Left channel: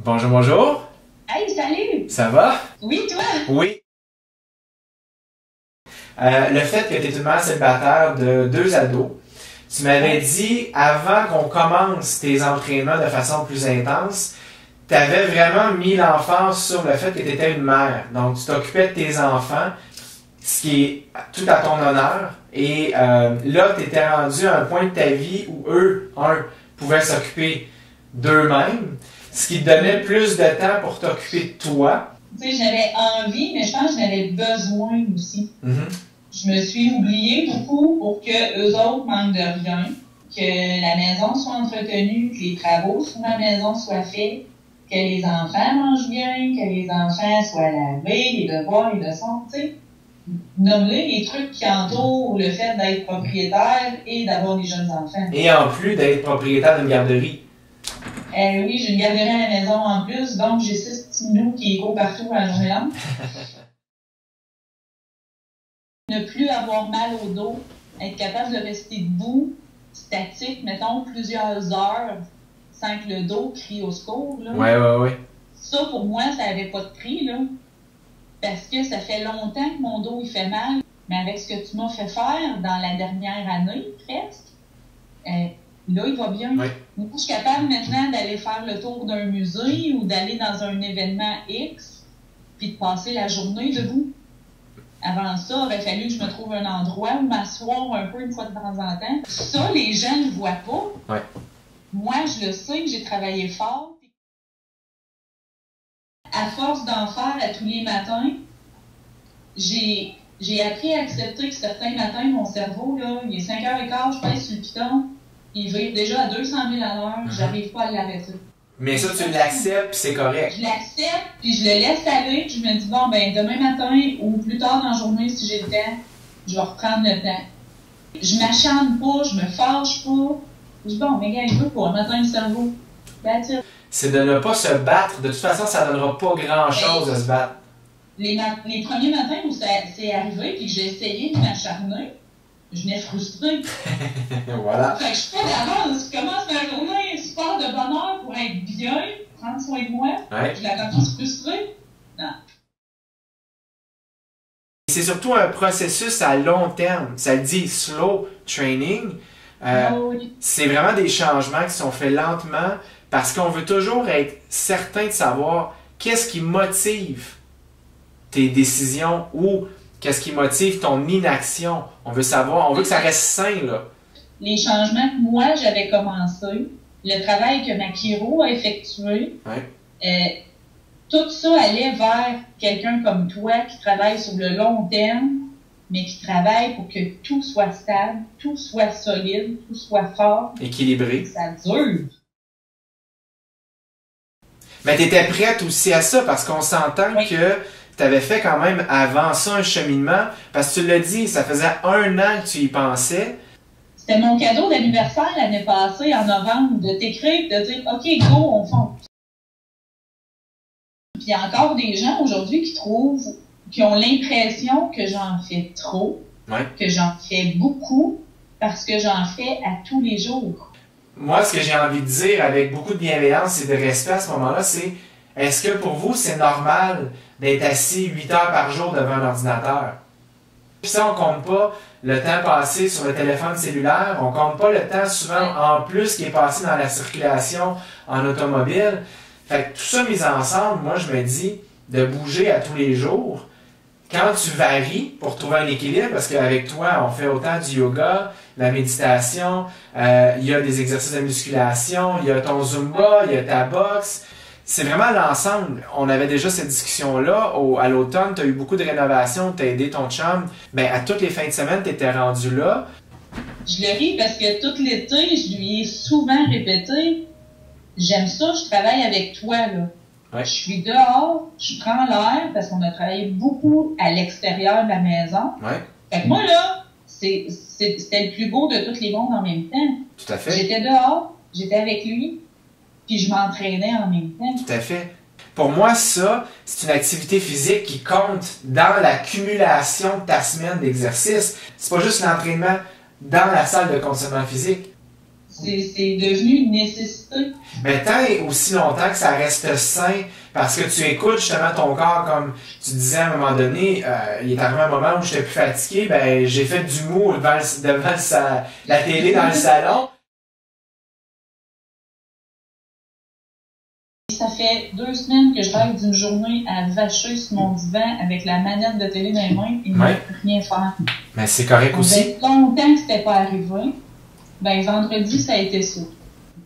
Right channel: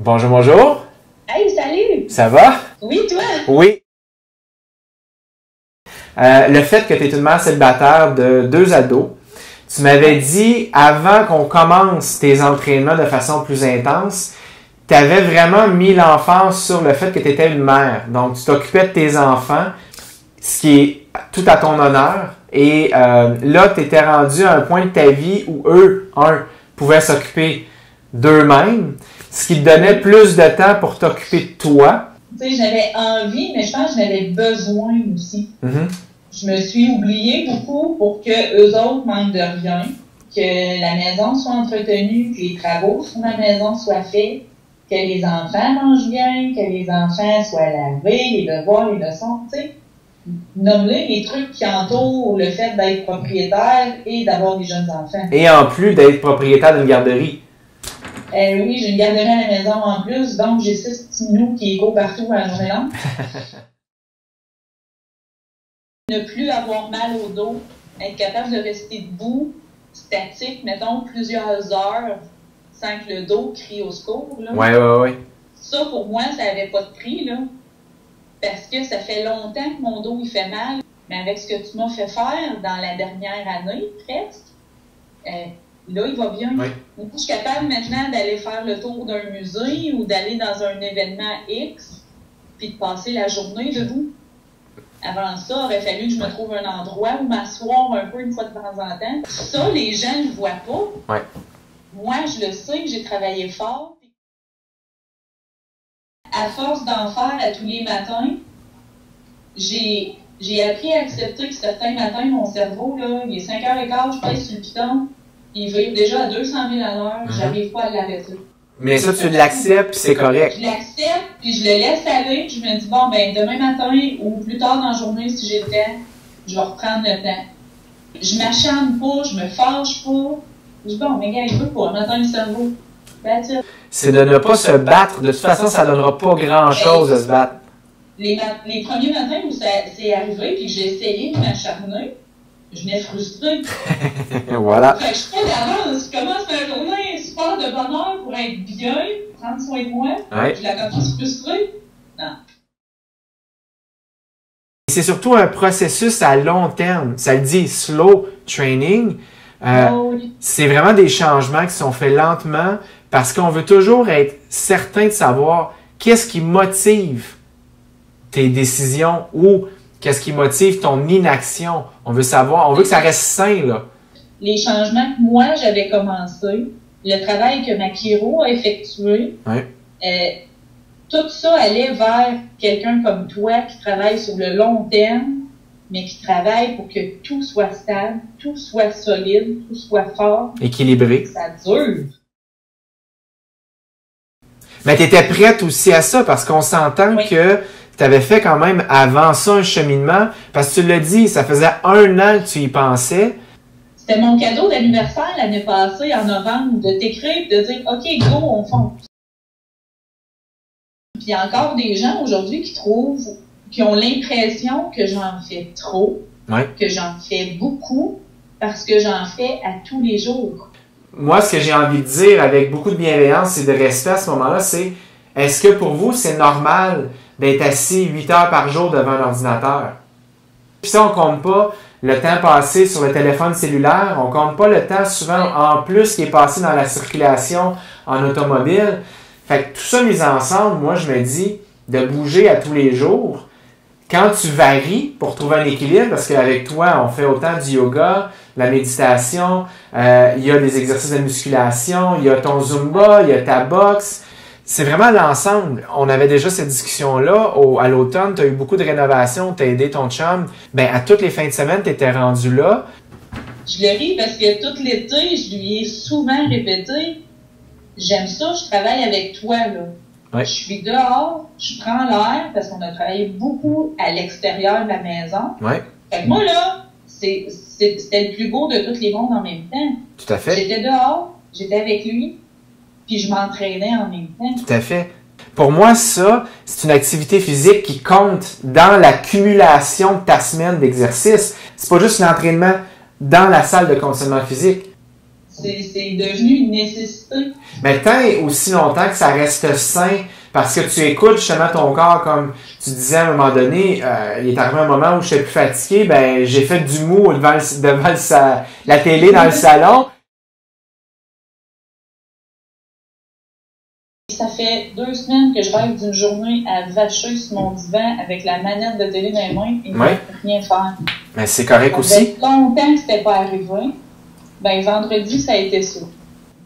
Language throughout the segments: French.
Bonjour, bonjour. Hey, salut! Ça va? Oui, toi? Oui. Le fait que tu es une mère célibataire de 2 ados, tu m'avais dit, avant qu'on commence tes entraînements de façon plus intense, tu avais vraiment mis l'emphase sur le fait que tu étais une mère. Donc, tu t'occupais de tes enfants, ce qui est tout à ton honneur. Et là, tu étais rendu à un point de ta vie où eux, pouvaient s'occuper d'eux-mêmes, ce qui te donnait plus de temps pour t'occuper de toi. Tu sais, j'avais envie, mais je pense que j'avais besoin aussi. Je me suis oubliée beaucoup pour que eux autres manquent de rien, que la maison soit entretenue, que les travaux sur la maison soient faits, que les enfants mangent bien, que les enfants soient lavés, les devoirs, les leçons, tu sais. Nommer les trucs qui entourent le fait d'être propriétaire et d'avoir des jeunes enfants. Et en plus d'être propriétaire d'une garderie. Oui, j'ai une garderie à la maison en plus, donc j'ai 6 petits minous qui courent partout à la journée longue. Ne plus avoir mal au dos, être capable de rester debout, statique, mettons, plusieurs heures, sans que le dos crie au secours. Là. Ouais. Ça, pour moi, ça n'avait pas de prix, là. Parce que ça fait longtemps que mon dos, il fait mal. Mais avec ce que tu m'as fait faire dans la dernière année, presque, là, il va bien. Oui. Moi, je suis capable maintenant d'aller faire le tour d'un musée ou d'aller dans un événement X, puis de passer la journée debout. Avant ça, il aurait fallu que je me trouve un endroit où m'asseoir un peu une fois de temps en temps. Ça, les gens ne le voient pas. Ouais. Moi, je le sais, j'ai travaillé fort. À force d'en faire à tous les matins, j'ai appris à accepter que certains matins, mon cerveau, là, il est 5h15, je pèse sur le piton, il vire déjà à 200 000 à l'heure, j'arrive pas à l'arrêter. Mais ça, tu l'acceptes, puis c'est correct. Je l'accepte, puis je le laisse aller, puis je me dis, bon, ben demain matin ou plus tard dans la journée, si j'ai le temps, je vais reprendre le temps. Je m'acharne pas, je me fâche pas. Je dis, bon, mais gars, il veut pas, matin le cerveau. C'est de ne pas se battre. De toute façon, ça ne donnera pas grand-chose de se battre. Les premiers matins où c'est arrivé, puis que j'ai essayé de m'acharner, je m'ai frustrée. Voilà. Fait que je fais d'avance, je commence ma journée super de bonne heure pour être bien, prendre soin de moi. Ouais. Je la commence frustrée. Non. C'est surtout un processus à long terme. Ça le dit slow training. C'est vraiment des changements qui sont faits lentement parce qu'on veut toujours être certain de savoir qu'est-ce qui motive tes décisions ou qu'est-ce qui motive ton inaction. On veut savoir, on veut que ça reste sain, là. Les changements que moi, j'avais commencé, le travail que ma chiro a effectué, tout ça allait vers quelqu'un comme toi qui travaille sur le long terme, mais qui travaille pour que tout soit stable, tout soit solide, tout soit fort. Équilibré. Ça dure. Mais tu étais prête aussi à ça parce qu'on s'entend que tu avais fait quand même avant ça un cheminement. Parce que tu l'as dit, ça faisait 1 an que tu y pensais. C'était mon cadeau d'anniversaire l'année passée, en novembre, de t'écrire et de dire « OK, go, on fonce ». Puis il y a encore des gens aujourd'hui qui ont l'impression que j'en fais trop, que j'en fais beaucoup, parce que j'en fais à tous les jours. Moi, ce que j'ai envie de dire avec beaucoup de bienveillance et de respect à ce moment-là, c'est est-ce que pour vous, c'est normal d'être assis 8 heures par jour devant un ordinateur? Puis ça, on compte pas le temps passé sur le téléphone cellulaire, on compte pas le temps souvent en plus qui est passé dans la circulation en automobile. Fait que tout ça mis ensemble, moi, je me dis de bouger à tous les jours. Quand tu varies pour trouver un équilibre, parce qu'avec toi, on fait autant du yoga, la méditation, il y a des exercices de musculation, il y a ton Zumba, il y a ta boxe. C'est vraiment l'ensemble. On avait déjà cette discussion-là. À l'automne, tu as eu beaucoup de rénovations, tu as aidé ton chum. Ben, à toutes les fins de semaine, tu étais rendu là. Je le ris parce que tout l'été, je lui ai souvent répété « J'aime ça, je travaille avec toi, là. » Je suis dehors, je prends l'air parce qu'on a travaillé beaucoup à l'extérieur de la maison. Fait que moi, là, c'était le plus beau de tous les mondes en même temps. Tout à fait. J'étais dehors, j'étais avec lui, puis je m'entraînais en même temps. Tout à fait. Pour moi, ça, c'est une activité physique qui compte dans l'accumulation de ta semaine d'exercice. C'est pas juste l'entraînement dans la salle de conditionnement physique. C'est devenu une nécessité. Mais tant et aussi longtemps que ça reste sain, parce que tu écoutes justement ton corps, comme tu disais à un moment donné, il est arrivé un moment où je suis plus fatigué, ben j'ai fait du mou devant la télé dans le salon. Ça fait 2 semaines que je rêve d'une journée à vacher sur mon divan avec la manette de télé dans les mains et ne rien faire. Mais c'est correct aussi. Ça fait longtemps que c'était pas arrivé. Ben, vendredi, ça a été ça.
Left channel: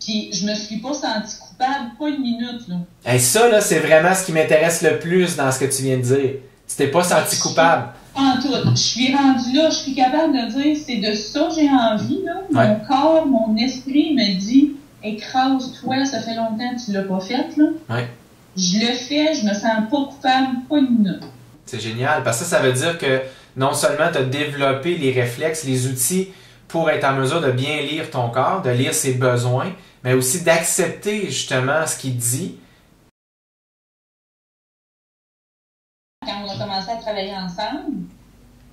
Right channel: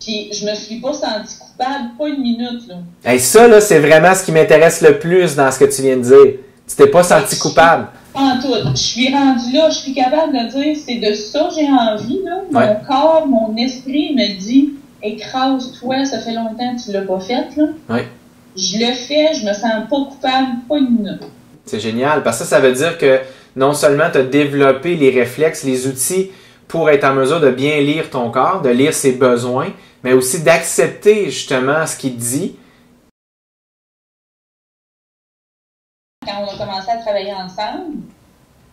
Puis, je me suis pas sentie coupable, pas une minute, là. Hey, ça, là, c'est vraiment ce qui m'intéresse le plus dans ce que tu viens de dire. Tu t'es pas senti coupable. En tout. Je suis rendue là, je suis capable de dire, c'est de ça que j'ai envie, là. Mon corps, mon esprit me dit, écrase-toi, ça fait longtemps que tu l'as pas fait, là. Ouais. Je le fais, je me sens pas coupable, pas une minute. C'est génial, parce que ça veut dire que non seulement tu as développé les réflexes, les outils pour être en mesure de bien lire ton corps, de lire ses besoins, mais aussi d'accepter justement ce qu'il dit. Quand on a commencé à travailler ensemble,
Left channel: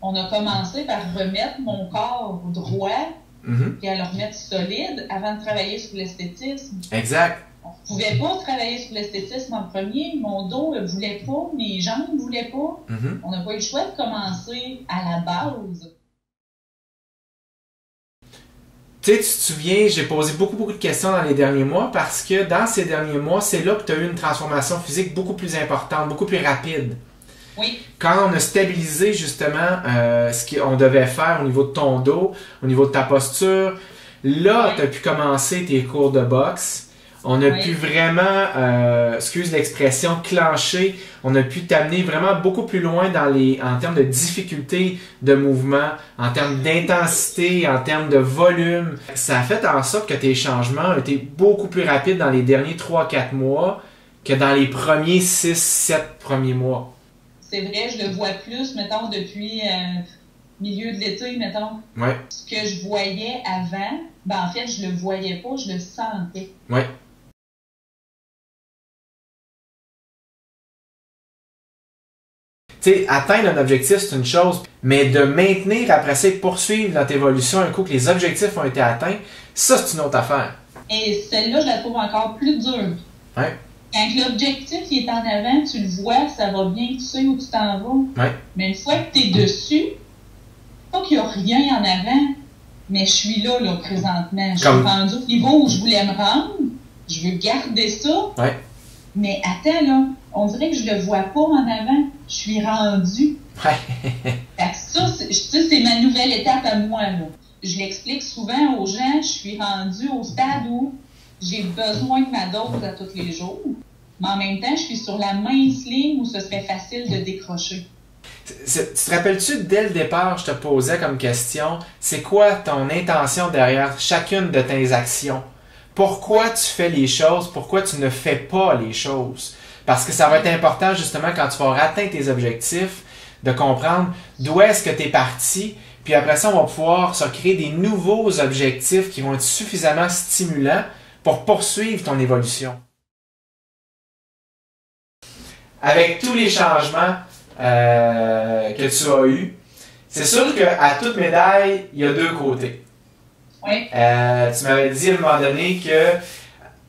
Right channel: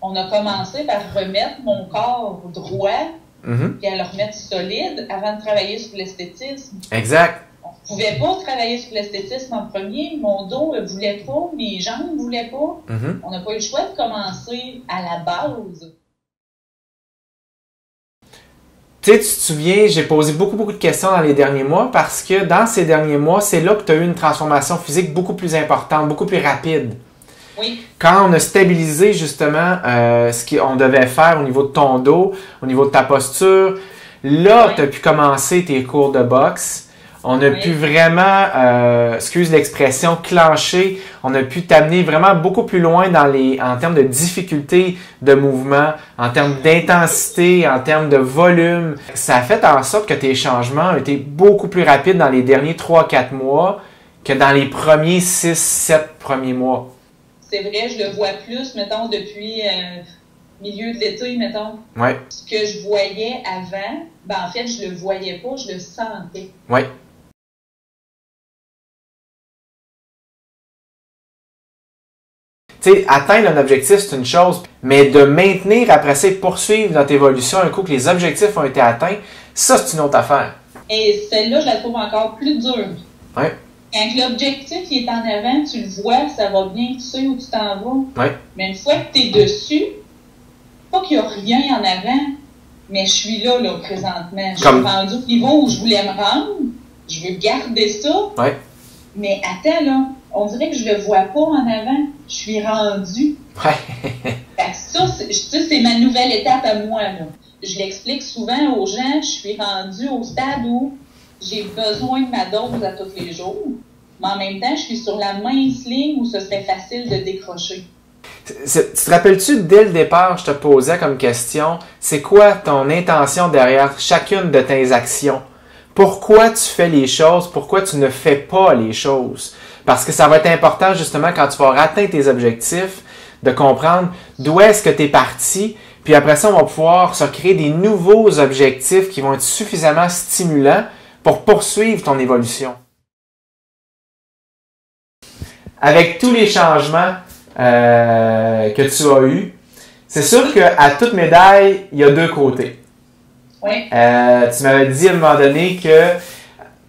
on a commencé par remettre mon corps droit, puis à le remettre solide avant de travailler sur l'esthétisme. Exact. On ne pouvait pas travailler sur l'esthétisme en premier. Mon dos ne voulait pas, mes jambes ne voulaient pas. On n'a pas eu le choix de commencer à la base. Tu sais, tu te souviens, j'ai posé beaucoup de questions dans les derniers mois parce que dans ces derniers mois, c'est là que tu as eu une transformation physique beaucoup plus importante, beaucoup plus rapide. Oui. Quand on a stabilisé justement ce qu'on devait faire au niveau de ton dos, au niveau de ta posture, là, tu as pu commencer tes cours de boxe. On a pu vraiment, excuse l'expression, clencher. On a pu t'amener vraiment beaucoup plus loin en termes de difficulté de mouvement, en termes d'intensité, en termes de volume. Ça a fait en sorte que tes changements ont été beaucoup plus rapides dans les derniers 3-4 mois que dans les premiers 6-7 premiers mois. C'est vrai, je le vois plus, mettons, depuis milieu de l'été, mettons. Ouais. Ce que je voyais avant, ben en fait, je le voyais pas, je le sentais. Oui. Tu sais, atteindre un objectif, c'est une chose, mais de maintenir, après ça, poursuivre notre évolution un coup que les objectifs ont été atteints, ça, c'est une autre affaire. Et celle-là, je la trouve encore plus dure. Oui. Quand l'objectif il est en avant, tu le vois, ça va bien, tu sais où tu t'en vas. Oui. Mais une fois que tu es dessus, pas qu'il n'y a rien en avant, mais je suis là présentement. Je suis rendu au niveau où je voulais me rendre. Je veux garder ça. Oui. Mais attends, là, on dirait que je le vois pas en avant. Je suis rendue. Ouais. Fait que ça, c'est ma nouvelle étape à moi, là. Je l'explique souvent aux gens, je suis rendue au stade où j'ai besoin de ma dose à tous les jours. Mais en même temps, je suis sur la mince ligne où ce serait facile de décrocher. Tu te rappelles-tu, dès le départ, je te posais comme question, c'est quoi ton intention derrière chacune de tes actions? Pourquoi tu fais les choses? Pourquoi tu ne fais pas les choses? Parce que ça va être important, justement, quand tu vas atteindre tes objectifs, de comprendre d'où est-ce que tu es parti. Puis après ça, on va pouvoir se créer des nouveaux objectifs qui vont être suffisamment stimulants pour poursuivre ton évolution. Avec tous les changements que tu as eus, c'est sûr qu'à toute médaille, il y a deux côtés. Oui. Tu m'avais dit à un moment donné que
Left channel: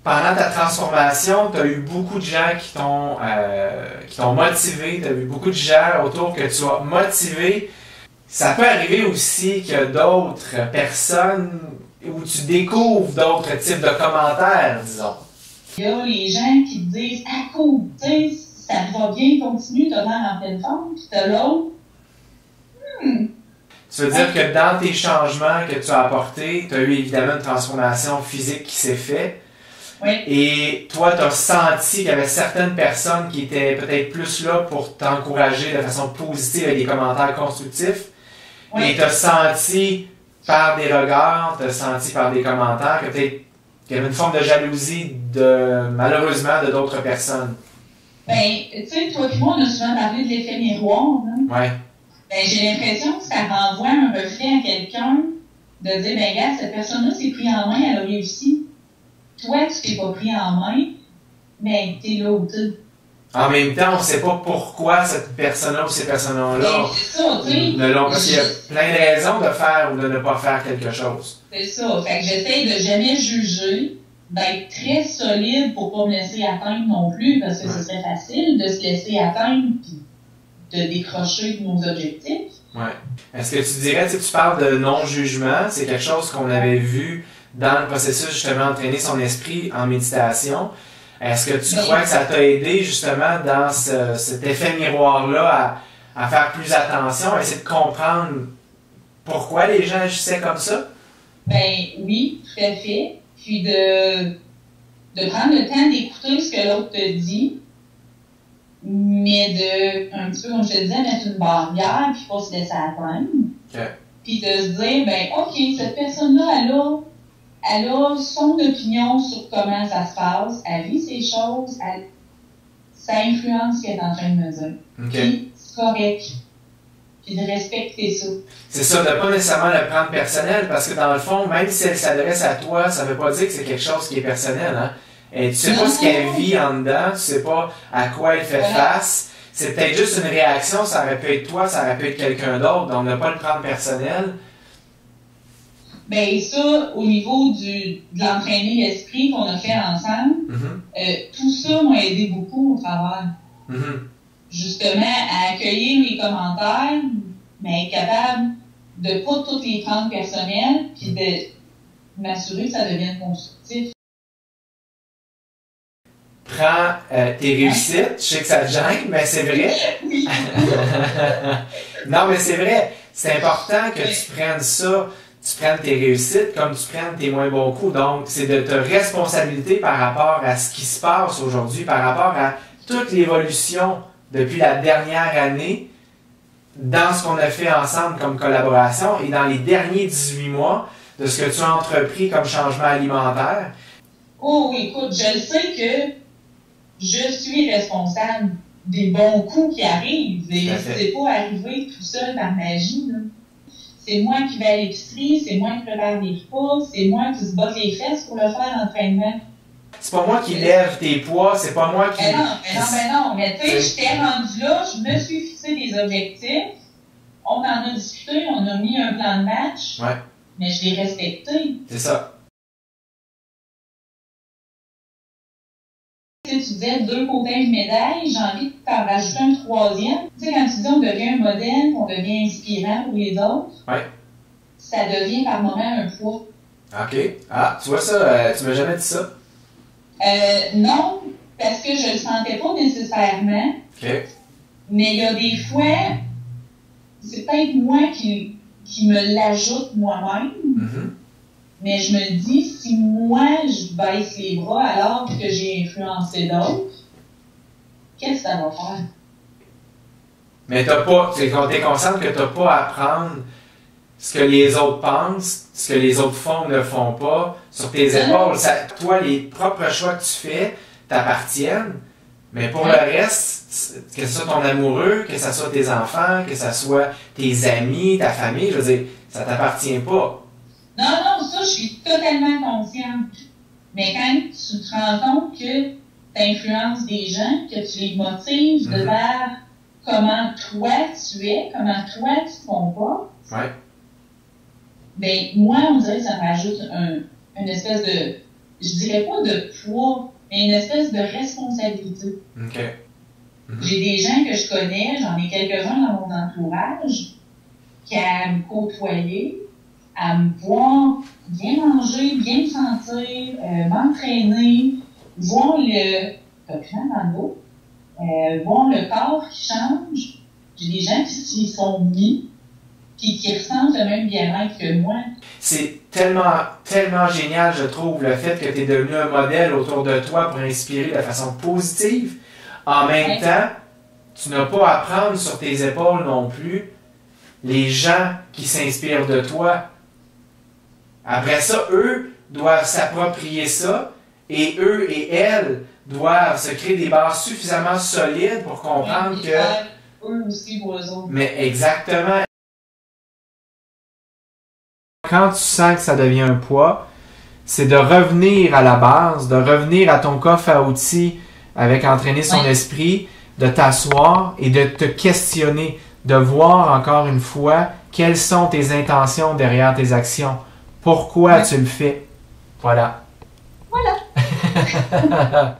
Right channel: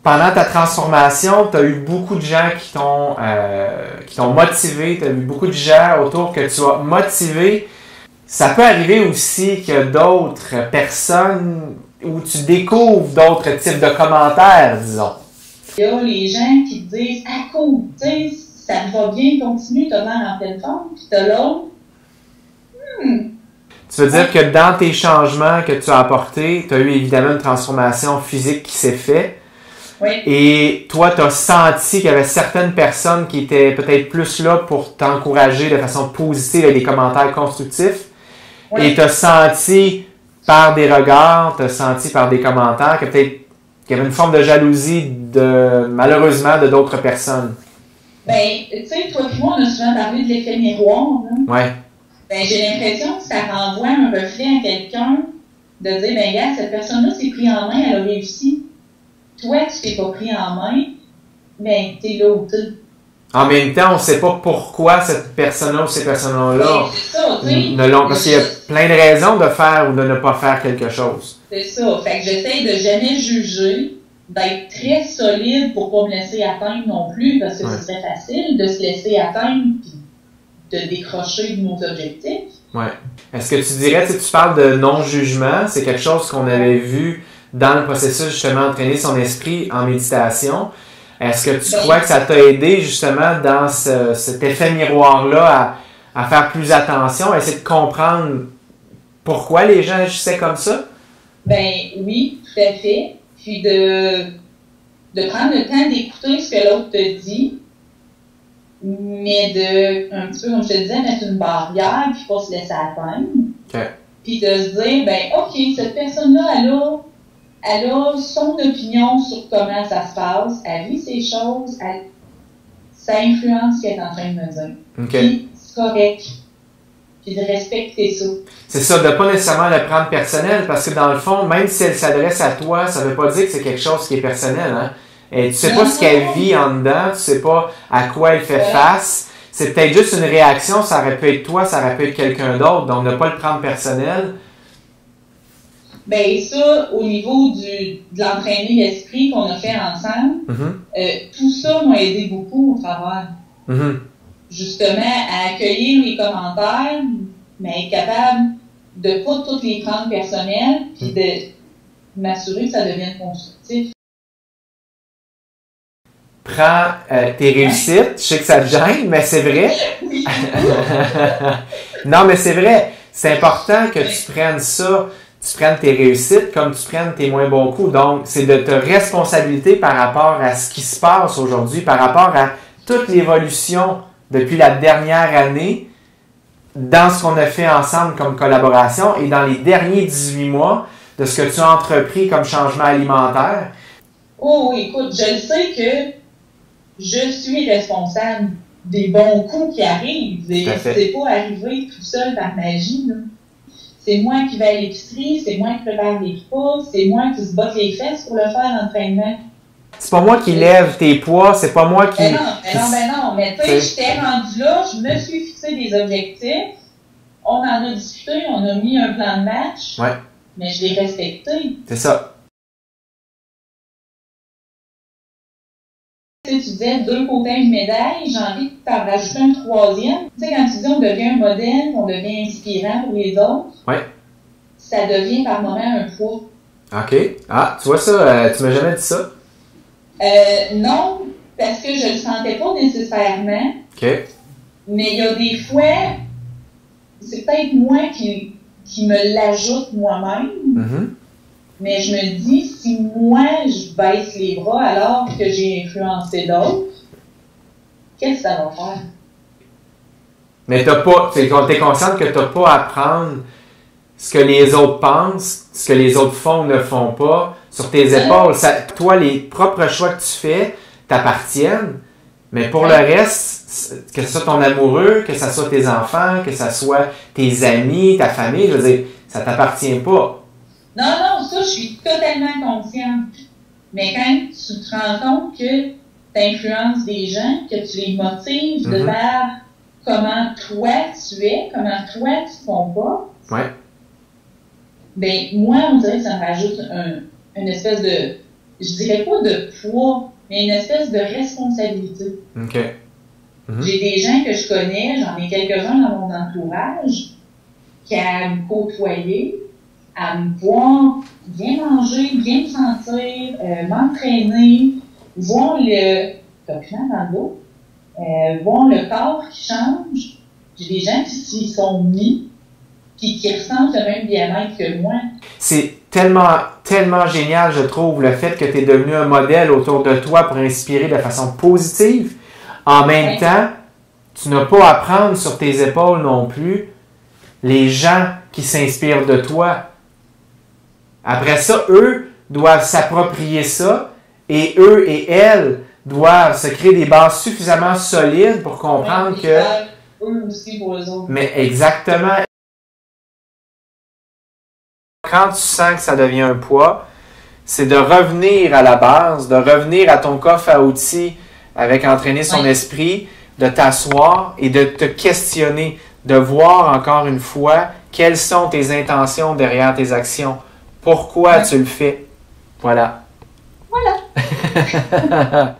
pendant ta transformation, tu as eu beaucoup de gens qui t'ont motivé, tu as eu beaucoup de gens autour que tu as motivé. Ça peut arriver aussi qu'il y a d'autres personnes où tu découvres d'autres types de commentaires, disons. Il y a les gens qui te disent « Ah, cool, tu sais, ça va bien, continue, t'as l'air en pleine forme. » Puis t'as l'autre. Tu veux dire que dans tes changements que tu as apportés, tu as eu évidemment une transformation physique qui s'est faite. Oui. Et toi, tu as senti qu'il y avait certaines personnes qui étaient peut-être plus là pour t'encourager de façon positive avec des commentaires constructifs. Oui. Et tu as senti par des regards, tu as senti par des commentaires que peut-être qu'il y avait une forme de jalousie malheureusement de d'autres personnes. Ben, tu sais, toi et moi, on a souvent parlé de l'effet miroir. Hein? Oui. Ben, j'ai l'impression que ça renvoie un reflet à quelqu'un de dire, ben, regarde, cette personne-là s'est pris en main, elle a réussi. Toi, tu t'es pas pris en main, ben, t'es là où t'es. En même temps, on ne sait pas pourquoi cette personne-là ou ces personnes-là ne l'ont. Parce qu'il y a plein de raisons de faire ou de ne pas faire quelque chose. C'est ça. Fait que j'essaie de jamais juger, d'être très solide pour pas me laisser atteindre non plus, parce que ce serait facile de se laisser atteindre et de décrocher de nos objectifs. Ouais. Est-ce que tu dirais, tu parles de non-jugement, c'est quelque chose qu'on avait vu dans le processus justement d'entraîner son esprit en méditation. Est-ce que tu crois que ça t'a aidé justement dans cet effet miroir-là à faire plus attention, à essayer de comprendre pourquoi les gens agissaient comme ça? Ben oui, tout à fait. Puis de prendre le temps d'écouter ce que l'autre te dit, mais un petit peu, comme je te disais, mettre une barrière, puis pas se laisser atteindre. Okay. Puis de se dire, ben ok, cette personne-là, elle a son opinion sur comment ça se passe, elle vit ces choses, ça influence ce qu'elle est en train de me dire. Okay. Puis c'est correct. Puis de respecter ça. C'est ça, de ne pas nécessairement le prendre personnel, parce que dans le fond, même si elle s'adresse à toi, ça ne veut pas dire que c'est quelque chose qui est personnel. Hein? Et tu ne sais pas ce qu'elle vit en dedans, tu ne sais pas à quoi elle fait face. C'est peut-être juste une réaction, ça aurait pu être toi, ça aurait pu être quelqu'un d'autre, donc ne pas le prendre personnel. Ben ça, au niveau de l'entraîner l'esprit qu'on a fait ensemble, tout ça m'a aidé beaucoup au travers. Justement, à accueillir les commentaires, mais être capable de pas toutes les prendre personnelles, puis de m'assurer que ça devienne constructif. Prends tes réussites, je sais que ça te gêne, mais c'est vrai. Non, mais c'est vrai, c'est important que tu prennes ça, tu prennes tes réussites comme tu prennes tes moins bons coups. Donc, c'est de te responsabiliser par rapport à ce qui se passe aujourd'hui, par rapport à toute l'évolution depuis la dernière année, dans ce qu'on a fait ensemble comme collaboration et dans les derniers 18 mois, de ce que tu as entrepris comme changement alimentaire. Oh oui, écoute, je sais que je suis responsable des bons coups qui arrivent. C'est pas arrivé tout seul par magie. C'est moi qui vais à l'épicerie, c'est moi qui prépare les repas, c'est moi qui se botte les fesses pour le faire l'entraînement. C'est pas moi qui lève tes poids, c'est pas moi qui... Ben non, mais tu sais, j'étais rendu là, je me suis fixé des objectifs, on en a discuté, on a mis un plan de match, mais je l'ai respecté. C'est ça. Tu disais 2 côtés de médaille, j'ai envie de t'en rajouter un 3e. Tu sais, quand tu dis on devient un modèle, on devient inspirant pour les autres, ça devient par moment un poids. OK. Ah, tu vois ça, tu m'as jamais dit ça? Non, parce que je le sentais pas nécessairement. OK. Mais il y a des fois, c'est peut-être moi qui me l'ajoute moi-même. Mais je me dis, si moi, je baisse les bras alors que j'ai influencé d'autres, qu'est-ce que ça va faire? Mais t'es consciente que t'as pas à prendre ce que les autres pensent, ce que les autres font ou ne font pas, sur tes épaules. Toi, les propres choix que tu fais t'appartiennent, mais pour le reste, que ce soit ton amoureux, que ce soit tes enfants, que ce soit tes amis, ta famille, je veux dire, ça t'appartient pas. Non, ça, je suis totalement consciente. Mais quand tu te rends compte que tu influences des gens, que tu les motives de vers comment toi tu es, comment toi tu te comportes, ben moi, on dirait que ça me rajoute une espèce de, je dirais pas de poids, mais une espèce de responsabilité. J'ai des gens que je connais, j'en ai quelques-uns dans mon entourage, qui à me côtoyer, à me voir bien manger, bien me sentir, m'entraîner, voir le document dans l'eau, voir le corps qui change. J'ai des gens qui s'y sont mis, puis qui ressentent le même bien-être que moi. C'est tellement génial, je trouve, le fait que tu es devenu un modèle autour de toi pour inspirer de façon positive. En même temps, tu n'as pas à prendre sur tes épaules non plus les gens qui s'inspirent de toi. Après ça, eux doivent s'approprier ça et eux et elles doivent se créer des bases suffisamment solides pour comprendre que... Eux aussi pour eux autres. Mais exactement. Quand tu sens que ça devient un poids, c'est de revenir à la base, de revenir à ton coffre à outils avec entraîner son esprit, de t'asseoir et de te questionner, de voir encore une fois quelles sont tes intentions derrière tes actions. Pourquoi tu le fais? Voilà. Voilà.